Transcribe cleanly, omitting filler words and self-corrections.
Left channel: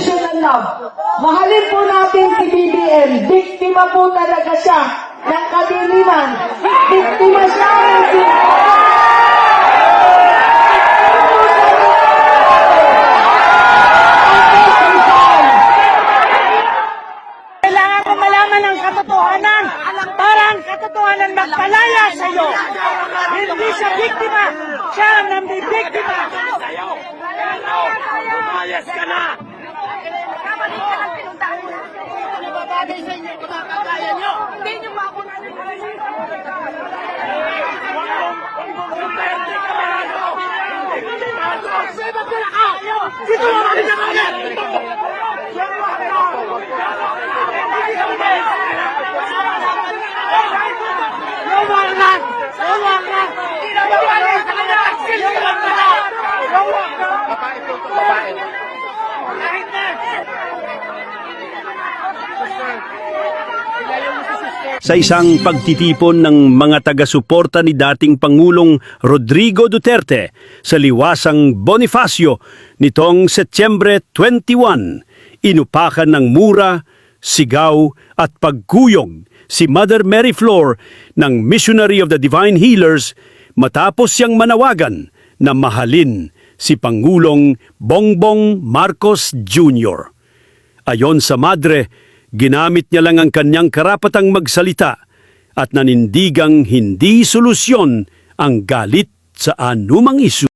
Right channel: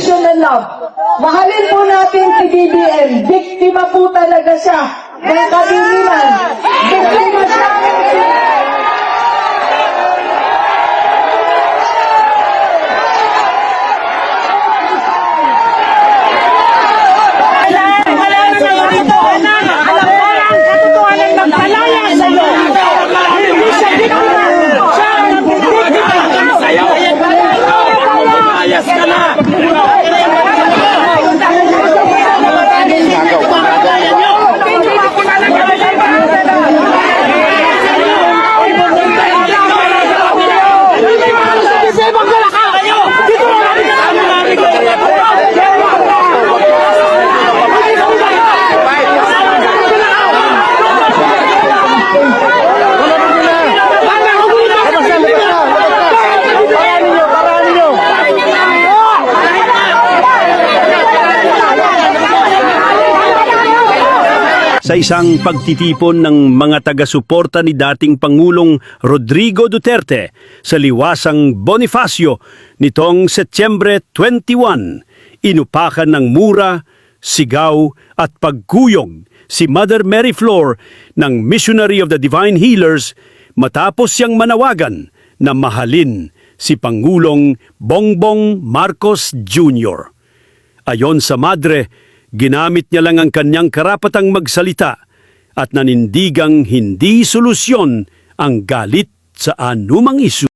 unconditional love. Mahalin po natin si BBM. Biktima po talaga siya ng kaliliman. Biktima siya. Sa isang pagtitipon ng mga taga-suporta ni dating Pangulong Rodrigo Duterte sa liwasang Bonifacio nitong Setyembre 21, inupakan ng mura, sigaw at pagkuyog si Mother Mary Flor ng Missionary of the Divine Healers matapos siyang manawagan na mahalin si Pangulong Bongbong Marcos Jr. Ayon sa madre, ginamit niya lang ang kanyang karapatang magsalita at nanindigang hindi solusyon ang galit sa anumang isyu.